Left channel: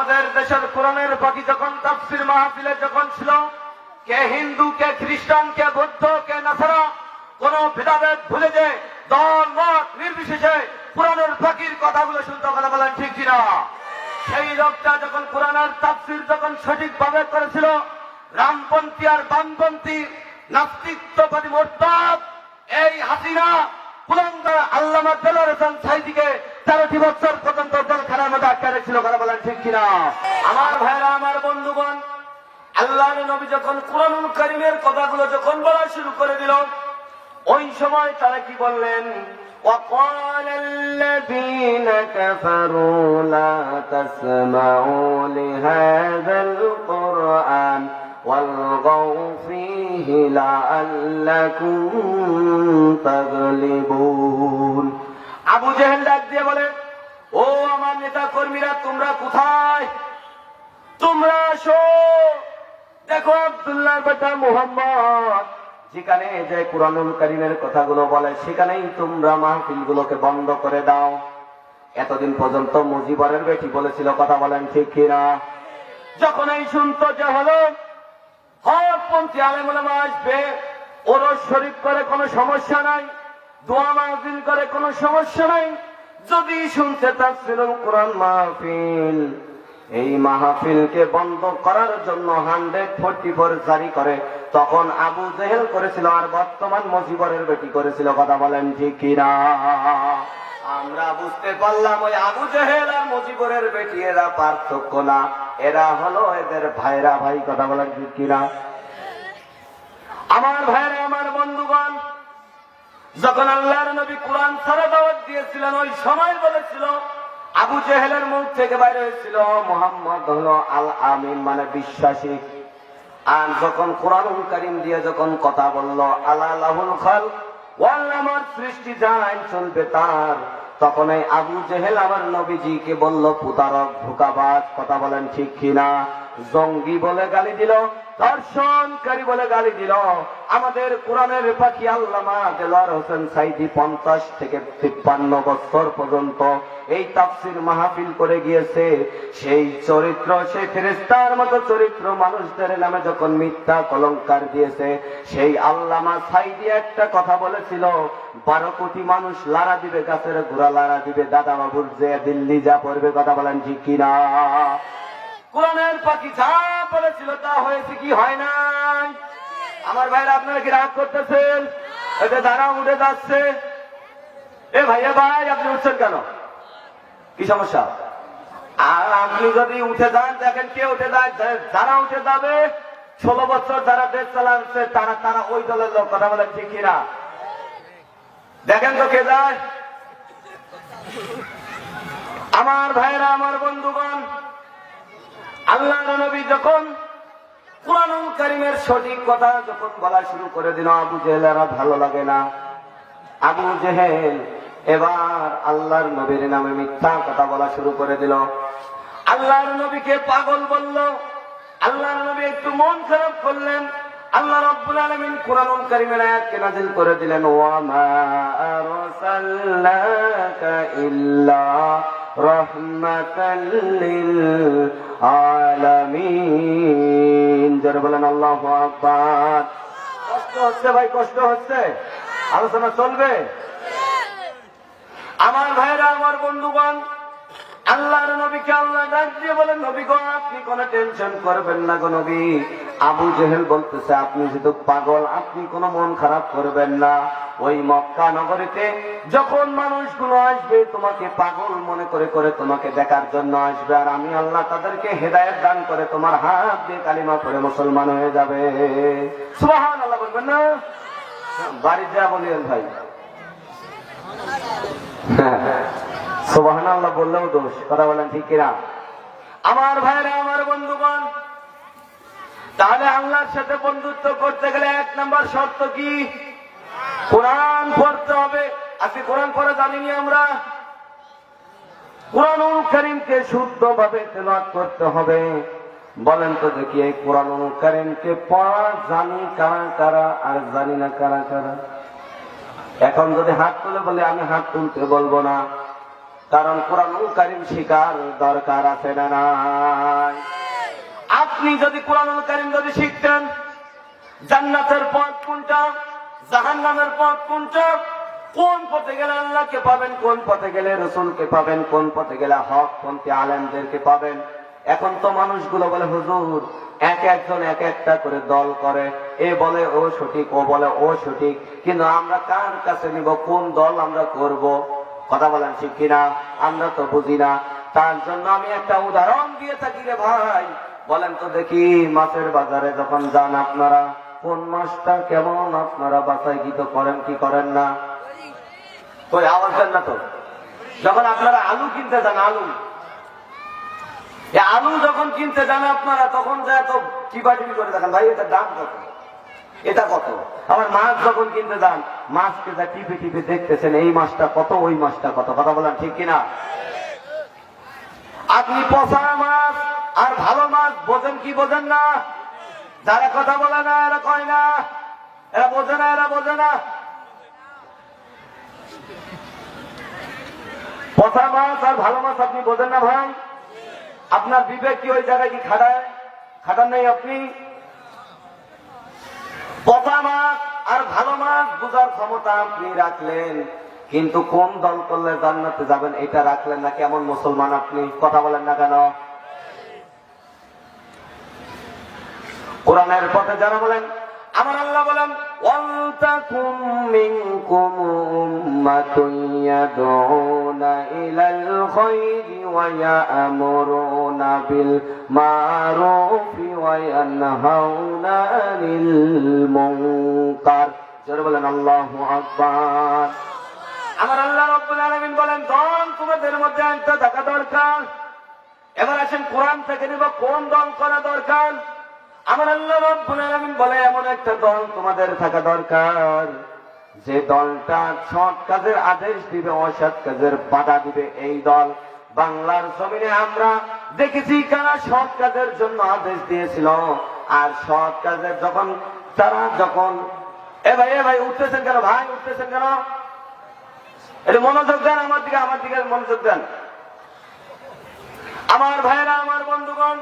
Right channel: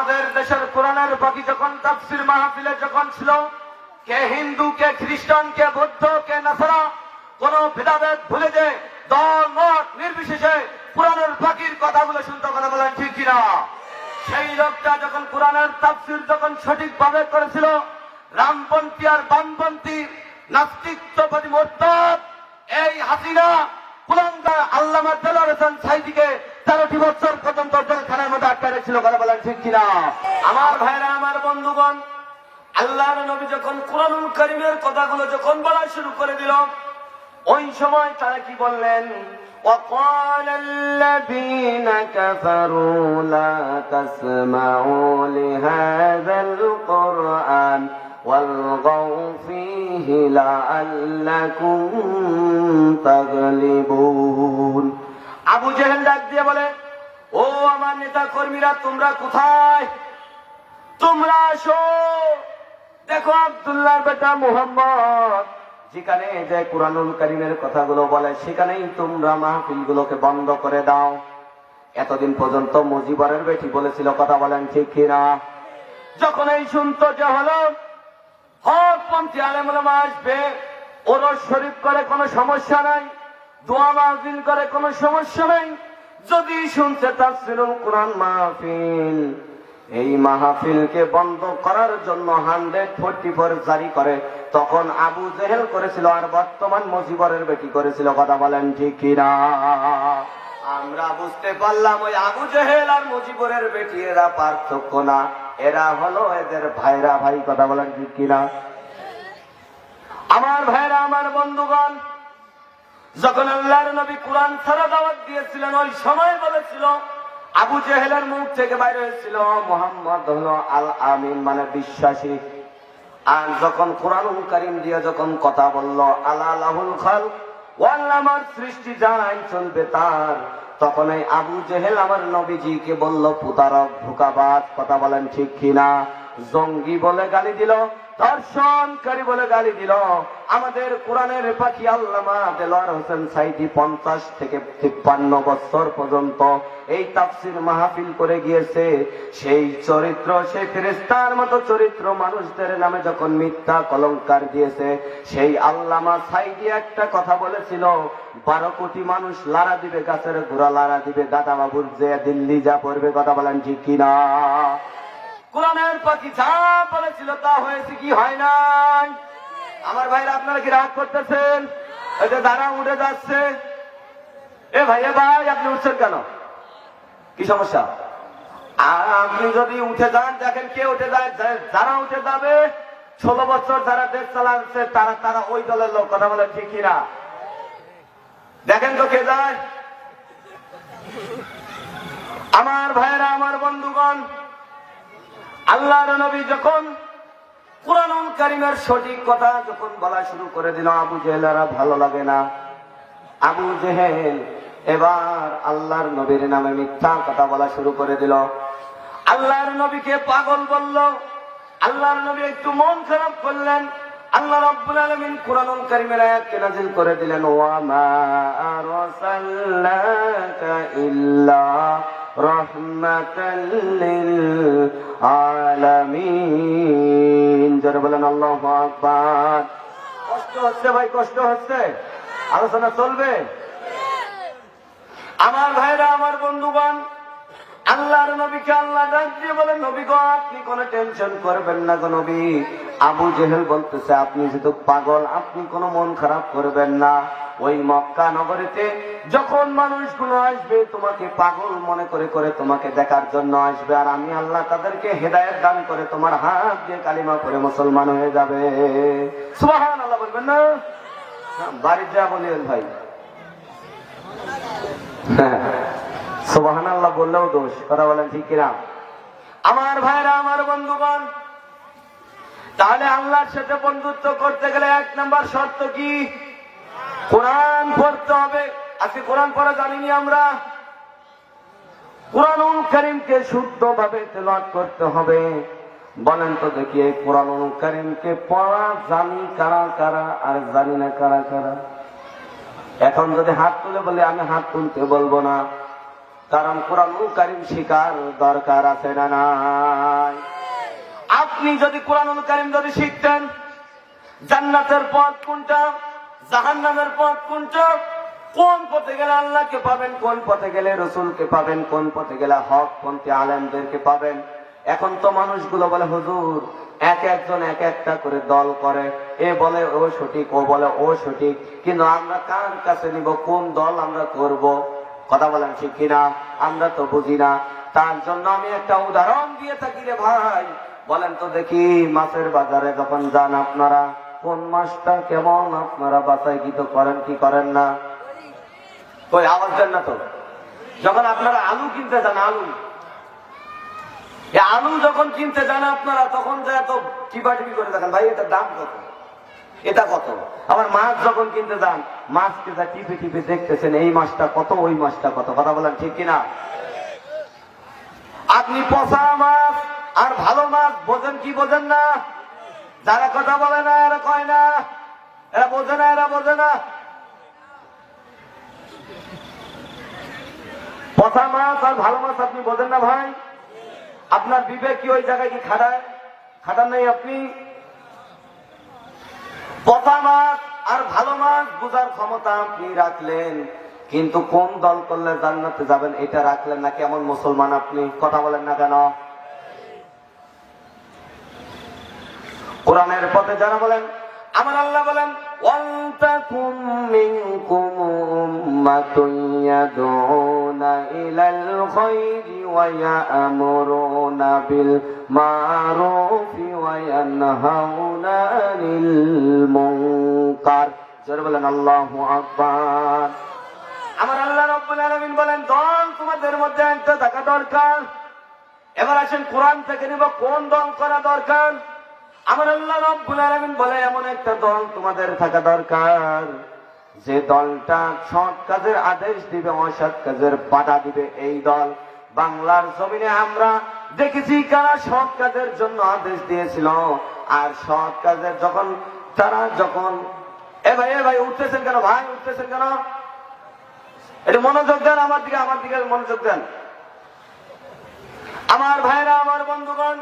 আমাদের দেশের কোরআনের পাখি যখন তাফসীর মাহফিলে যখন ছিল, কে হিন্দু, কে খ্রিস্টান, কে বৌদ্ধ, কে নাসারা, কোন ভেদাভেদ ভুলে যে দল মত নির্বিশেষে কোরআনের পাখির কথাগুলো শুনতে, কথা বলেন ঠিক কিনা? সেই লোকটা যখন কোরআনের তাফসীর যখন সঠিকভাবে করেছিল, রামপন্থী আর বামপন্থী নাস্তিকবাদী মোরতাদ এই হাসিনা কুলাঙ্গার আল্লামা দেলোয়ার হোসেন সাঈদীকে 13টি বছর পর্যন্ত জেলখানার মধ্যে আটকে রেখেছিল, কথা বলেন ঠিক কিনা? আমার ভাইরা, আমার বন্ধুগণ, আল্লাহর নবী যখন কুরআনুল কারীমের কথাগুলো যখন বলা শুরু করে দিল, ওই সময় তারা কি বললেন? وقال الذين كفروا لا تسمعوا لهذا القرآن والغوا فيه لعلكم تغلبون। আবু জেহেল ডাক দিয়ে বলে, ও আমার নেতা কর্মীরা, তোমরা কোথায়? তোমরা আসো, দেখো আব্দুল্লাহর বেটা মুহাম্মদ যেখানে যে কুরআনুল কারীমের কথাগুলো বলে সেখানেই তোমরা মাহফিলগুলোকে বন্ধ করে দাও। এতদিন পর্যন্ত মুজিবরের বেটি বলেছিল, কথা বলেন ঠিক কিনা? যখন এই শুনতো যে হলো হকপন্থী আলেম ওলামা আসবে, ওরস শরীফ করে কোনো সমস্যা নাই, দোয়া মাহফিল করে কোনো সমস্যা নাই, যদি শুনছে তাফসীরুল কুরআন মাহফিল, এই মাহফিলকে বন্ধ করার জন্য 144 জারি করে, তখন আবু জেহেল করেছিল আর বর্তমান মুজিবরের বেটি করেছিল, কথা বলেন ঠিক কিনা? আমরা বুঝতে পারলাম ওই আবু জেহেল আর মুজিবরের বেটি এরা পার্থক্য না, এরা হলো এদের ভাইরা ভাই, কথা বলেন ঠিক কিনা? আমার ভাইরা, আমার বন্ধুগণ, যখন আল্লাহর নবী কুরআন ছাড়া দাওয়াত দিয়েছিলেন, ওই সময় বলেছিল, আবু জেহেলের মুখ থেকে বাইরে হয়েছিল মুহাম্মদ হলো আল আমিন, মানে বিশ্বাসী। আর যখন কুরআনুল কারীম দিয়ে যখন কথা বলল, আলা লাহুল খালক, আমার সৃষ্টি যাই চলবে তার, তখন এই আবু জেহেল আমার নবীজিকে বলল প্রতারক, ধোঁকাবাজ, কথা বলেন ঠিক কিনা? জঙ্গি বলে গালি দিল, ধর্ষণকারী বলে গালি দিল। আমাদের কোরআনের পাখি আল্লামা দেলোয়ার হোসেন সাঈদী 50 থেকে 53 বছর পর্যন্ত এই তাফসীর মাহফিল করে গিয়েছে। সেই চরিত্র, সেই ফেরেশতার মতো চরিত্র মানুষদের নামে যখন মিথ্যা কলঙ্কার দিয়েছে, সেই আল্লামা সাঈদী একটা কথা বলেছিল, 12 কোটি মানুষ লাড়া দিবে, গাছের গোড়া লাড়া দিবে, দাদা বাবুর যে দিল্লি যা পড়বে, কথা বলেন ঠিক কিনা? কোরআনের পাখি যা বলেছিল তা হয়েছে কি হয় নাই? আমার ভাইরা, আপনারা কি রাগ করতেছেন? এতে দাঁড়া উঠে যাচ্ছে। এ ভাইয়া ভাই, আপনি উঠছেন কেন? কি সমস্যা? আর আপনি যদি উঠে যান, দেখেন কে উঠে যায়, যারা উঠে যাবে 16 বছর যারা দেশ চালাচ্ছে তারা ওই দলের লোক, কথা বলেন ঠিক কিনা? দেখেন তো কে যায়। আমার ভাইরা, আমার বন্ধুগণ, আল্লাহর নবী যখন কুরআনুল কারীমের সঠিক কথা যখন বলা শুরু করে দিল, আবু জেহেলেরা ভালো লাগে না। আবু জেহেল এবার আল্লাহর নবীর নামে মিথ্যা কথা বলা শুরু করে দিল, আল্লাহর নবীকে পাগল বলল। আল্লাহর নবী একটু মন খারাপ করলেন। আল্লাহ রাব্বুল আলামিন কুরআনুল কারীমের আয়াতকে নাযিল করে দিলেন, ওয়া মা আরসালনাকা ইল্লা রাহমাতাল লিল আলামিন। যারা বলেন আল্লাহু আকবার। কষ্ট হচ্ছে ভাই, কষ্ট হচ্ছে, আলোচনা চলবে। আমার ভাইরা, আমার বন্ধুগণ, আল্লাহর নবীকে আল্লাহ ডাক দিয়ে বলেন, নবী গো, আপনি কোনো টেনশন করবেন না গো নবী। আবু জেহেল বলতেছে, আপনি যেহেতু পাগল, আপনি কোনো মন খারাপ করবেন না। ওই মক্কা নগরীতে যখন মানুষগুলো আসবে, তোমাকে পাগল মনে করে করে তোমাকে দেখার জন্য আসবে, আর আমি আল্লাহ তাদেরকে হেদায়েত দান করে তোমার হাত দিয়ে কালিমা পড়ে মুসলমান হয়ে যাবে। সুবহানাল্লাহ বলবেন না? বাড়ি যা বলিয়েন ভাই, সুবহানাল্লাহ বললেও দোষ, কথা বলেন ঠিক কিনা? আমার ভাইরা, আমার বন্ধুগণ, তাহলে আল্লাহর সাথে বন্ধুত্ব করতে গেলে 1 নম্বর শর্ত কি? কোরআন পড়তে হবে। আজকে কোরআন পড়া জানিনি আমরা। কুরআনুল কারীমকে শুদ্ধভাবে তেলাওয়াত করতে হবে। বলেন তো দেখি, এই কুরআনুল কারীমকে পড়া জানি কারা কারা আর জানি না কারা কারা? এখন যদি হাত তুলে বলে, আমি হাত তুলতে বলবো না। কারণ কোরআনুল কারীম শিখার দরকার আছে না নাই? আপনি যদি কোরআনুল কারীম যদি শিখতেন, জান্নাতের পথ কোনটা, জাহান্নামের পথ কোনটা, কোন পথে গেলে আল্লাহকে পাবেন, কোন পথে গেলে রসুলকে পাবেন, কোন পথে গেলে হক পন্থী আলেমদেরকে পাবেন। এখন তো মানুষগুলো বলে হুজুর এক একজন এক একটা করে দল করে, এ বলে ও সঠিক, ও বলে ও সঠিক, কিন্তু আমরা কার কাছে নিব, কোন দল আমরা করব? কথা বলেন ঠিক কিনা? আমরা তো বুঝি না। তার জন্য আমি একটা উদাহরণ দিয়ে থাকি রে ভাই। বলেন তো দেখি, মাছের বাজারে যখন যান আপনারা, কোন মাছটা কেমন আপনারা বাছাই দিতে করেন কি করেন না? কই আওয়াজ দেন না তো। যখন আপনারা আলু কিনতে যান, আলু যখন কিনতে যান আপনারা, তখন যা এত টিপাটিপি করে দেখেন, ভাই এটার দাম কত, এটা কত। আবার মাছ যখন কিনতে যান, মাছকে যা টিপে টিপে দেখতেছেন, এই মাছটা কত, ওই মাছটা কত। কথা বলেন ঠিক কিনা? আপনি পচা মাছ আর ভালো মাছ বোঝেন কি বোঝেন না? যারা কথা বলে না এরা কয় না, এরা বোঝে না, এরা বোঝে না। পচা মাছ আর ভালো মাছ আপনি বোঝেন না ভাই? আপনার বিবেক কি ওই জায়গায় কি খাটান নেই? আপনি পচা মাছ আর ভালো মাছ বোঝার ক্ষমতা আপনি রাখলেন, কিন্তু কোন দল করলে জান্নাতে যাবেন এটা রাখলেন না। কেমন মুসলমান আপনি? কথা বলেন না কেন? কোরআনের পথে যারা বলেন, আমার আল্লাহ বলেন ওয়ালতাকুম মিনকুম উম্মাতুন ইয়াদউনা ইলাল খায়রি ওয়া ইয়া'মুরুনা বিল মা'রুফি ওয়া ইয়ানহাউনা আনিল মুনকার। জোরে বলেন আল্লাহু আকবার। আমার আল্লাহ রাব্বুল আলামিন বলেন দল তোমাদের মধ্যে একটা থাকা দরকার। এবার আসেন কোরআন থেকে নিব কোন দল করা দরকার। আমার আল্লাহ রাব্বুল আলামিন বলে এমন একটা দল তোমাদের থাকা দরকার, যে দলটা সৎ কাজের আদেশ দিবে, অসৎ কাজের বাধা দিবে। এই দল বাংলার জমিনে আমরা দেখেছি কারা সৎ কাজের জন্য আদেশ দিয়েছিল, আর সৎ কাজের যখন এ ভাই উঠতেছেন কেন ভাই, উঠতেছেন কেন? এটা মনোযোগ দেন আমার দিকে মনোযোগ দেন। আমার ভাইরা, আমার বন্ধুগণ,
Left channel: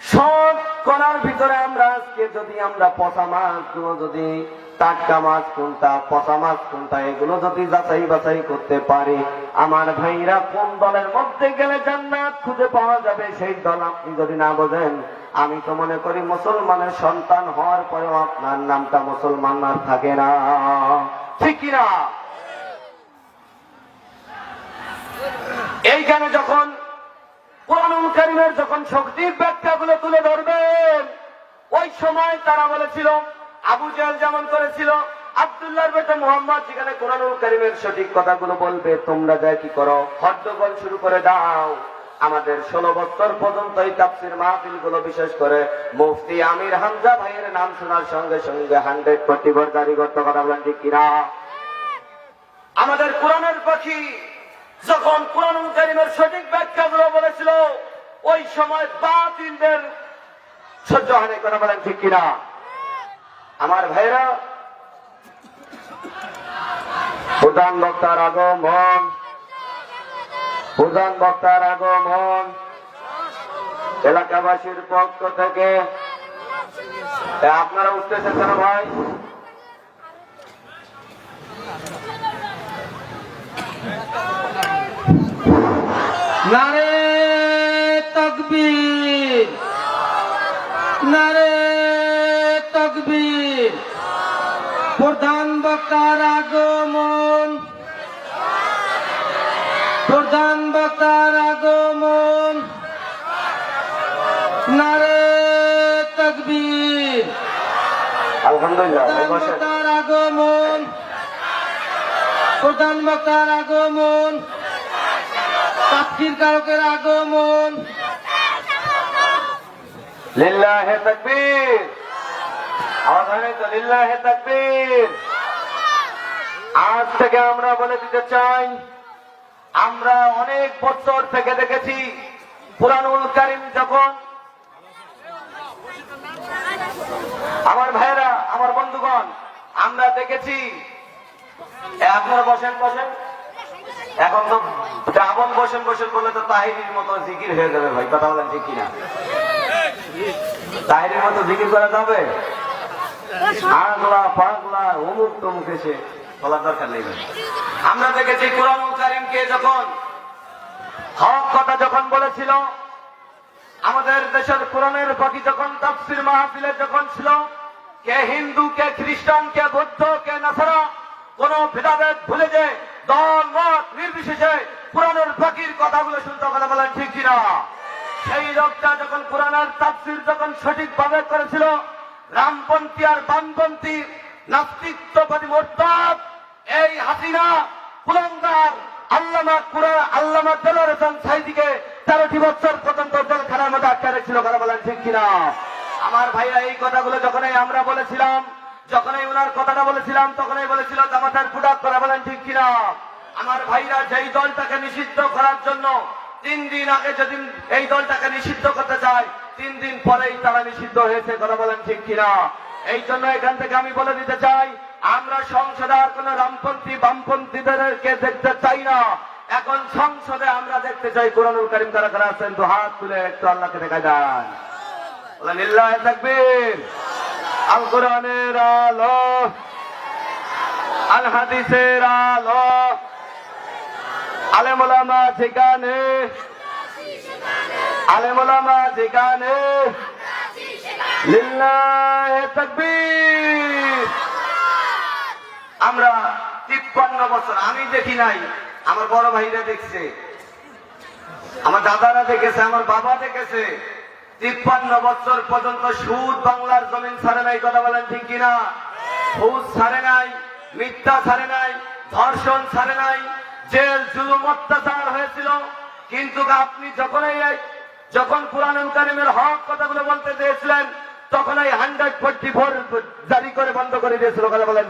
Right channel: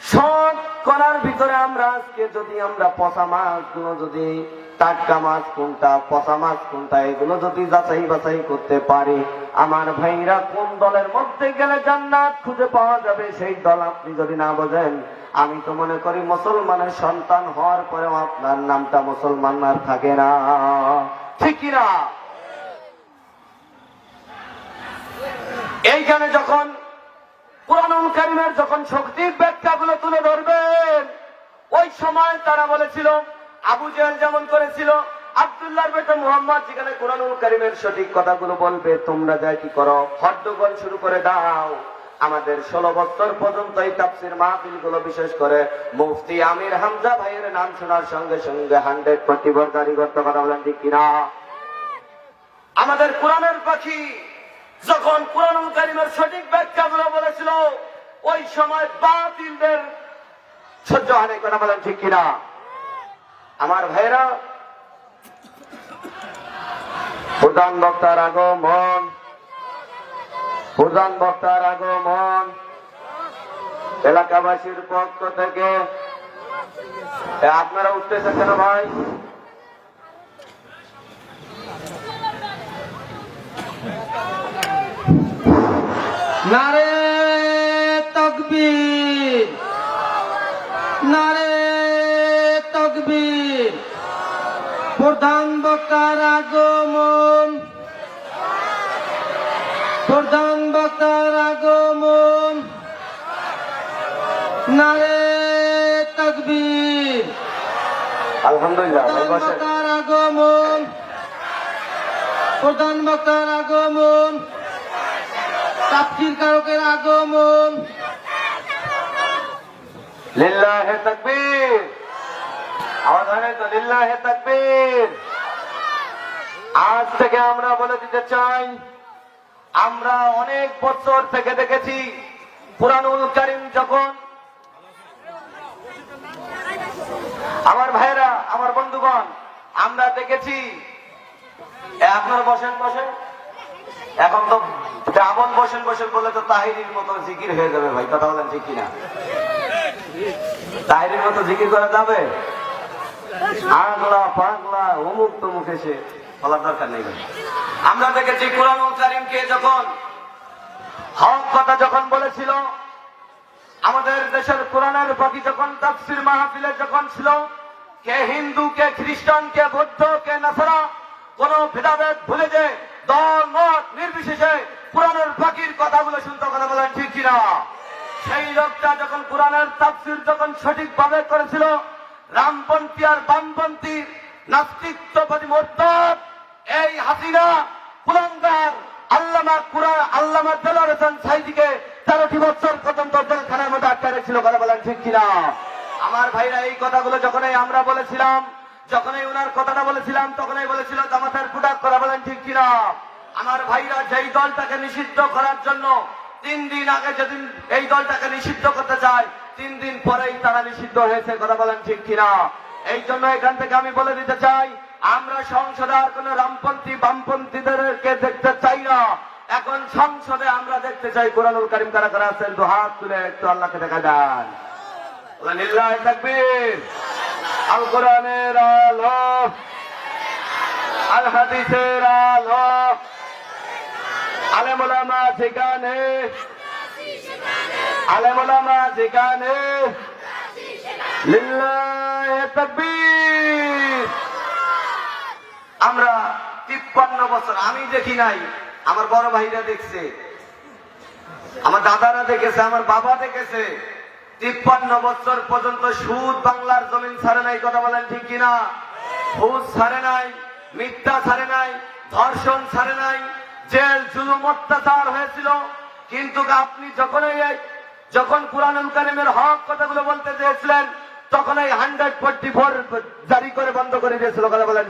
সব করার ভিতরে আমরা আজকে যদি আমরা পচা মাছগুলো, যদি টাটকা মাছ কোনটা, পচা মাছ কোনটা, এগুলো যদি যাচাই বাছাই করতে পারি, আমার ভাইরা কোন দলের মধ্যে গেলে জান্নাত খুঁজে পাওয়া যাবে, সেই দল আপনি যদি না বোঝেন, আমি তো মনে করি মুসলমানের সন্তান হওয়ার পরেও আপনার নামটা মুসলমান আর থাকে না। ঠিক কিনা? এইখানে যখন কোরআনুল কারীমের যখন শক্তি ব্যাখ্যাগুলো তুলে ধরবেন, ওই সময় তারা বলেছিল, আবু জেহেল যেমন করেছিল, আব্দুল্লাহর বেটা মুহাম্মদ যেখানে কোরআনুল কারীমের সঠিক কথাগুলো বলবে, তোমরা যা কি করো, হট্টগোল শুরু করে দাও। আমাদের 16 বছর পর্যন্ত এই তাফসীর মাহফিলগুলো, বিশেষ করে মুফতি আমির হামজা ভাইয়ের নাম শোনার সঙ্গে সঙ্গে 100% গাড়ি করতে। কথা বলেন ঠিক কিনা? আমাদের কোরআনের পাখি যখন কোরআনুল কারীমের সঠিক ব্যাখ্যাগুলো বলেছিল, ওই সময় বাতিলদের সহ্য হয়নি। কথা বলেন ঠিক কিনা? আমার ভাইরা, প্রধান বক্তার আগমন এলাকাবাসীর পক্ষ থেকে। আপনারা উঠতেছেন কেন ভাই? নারে তাকবীর, নারে তাকবীর। প্রধান বক্তার আগমন, প্রধান বক্তার আগমন, নারে তাকবীর। আলহামদুলিল্লাহ। প্রধান বক্তার আগমন, প্রধান বক্তার আগমন, তাফসীর কারকের আগমন। লিল্লাহে তাকবীর। আওয়াজ হয় না তো? লিল্লাহে তাকবীর। আজ থেকে আমরা বলে দিতে চাই, আমরা অনেক বছর থেকে দেখেছি কুরআনুল কারীম যখন, আমার ভাইরা, আমার বন্ধুগণ, আমরা দেখেছি। আপনারা বসেন। এখন তো শ্রাবণ বসেন বসেন বললে তো তাহিরির মতো জিকির হয়ে যাবে ভাই, কথা বলেন ঠিক কিনা? তাহিরির মতো জিকির করা যাবে? আগলা পাগলা অমুক তমুক এসে বলার দরকার নেই ভাই। আমরা দেখেছি কুরআনুল কারীমকে যখন হক কথা যখন বলেছিল, আমাদের দেশের কোরআনের পাখি যখন তাফসীর মাহফিলে যখন ছিল, কে হিন্দু, কে খ্রিস্টান, কে বৌদ্ধ, কে নাসারা, কোন ভেদাভেদ ভুলে যে দল মত নির্বিশেষে কোরআনের পাখির কথাগুলো শুনতে, কথা বলেন ঠিক কিনা? সেই লোকটা যখন কোরআনের তাফসীর যখন সঠিকভাবে করেছিল, রামপন্থী আর বামপন্থী নাস্তিকবাদী মোরতাদ এই হাসিনা কুলাঙ্গার আল্লামা দেলোয়ার হোসেন সাঈদীকে 13টি বছর পর্যন্ত জেলখানার মধ্যে আটকে রেখেছিল, কথা বলেন ঠিক কিনা? আমার ভাইরা এই কথাগুলো যখনই আমরা বলেছিলাম, যখনই ওনার কথাটা বলেছিলাম, তখনই বলেছিল জামাতের প্রোডাক্ট, করা বলেন ঠিক কিনা? আমার ভাইরা যেই দলটাকে নিষিদ্ধ করার জন্য 3 দিন আগে যেদিন এই দলটাকে নিষিদ্ধ করতে চায়, 3 দিন পরেই তারা নিষিদ্ধ হয়েছে, কথা বলেন ঠিক কিনা? এই জন্য এখান থেকে আমি বলে দিতে চাই, আমরা সংসদে আর কোন রামপন্থী বামপন্থীদেরকে দেখতে চাই না। এখন সংসদে আমরা দেখতে চাই কুরআনুল কারীম কারা কারা আছেন, তো হাত তুলে একটু আল্লাহকে দেখাই দেন। বলেন লিল্লাহি তাকবীর। আল কোরআনের আলো, আল হাদিসের আলো, আলেম ওলামা যেখানে, আলেম ওলামা যেখানে, লিল্লাহি তাকবীর। আমরা 53 বছর, আমি দেখি নাই, আমার বড় ভাইরা দেখছে, আমার দাদারা দেখেছে, আমার বাবা দেখেছে, 53 বছর পর্যন্ত সুদ বাংলার জমিন ছাড়ে নাই, কথা বলেন ঠিক কিনা? সুদ ছাড়ে নাই, মিথ্যা ছাড়ে নাই, ধর্ষণ ছাড়ে নাই, জেল জুলুম অত্যাচার হয়েছিল। কিন্তু আপনি যখন কুরআনুল কারীমের হক কথাগুলো বলতে চেয়েছিলেন, তখন এই 144 জারি করে বন্ধ করে দিয়েছিল, কথা বলেন।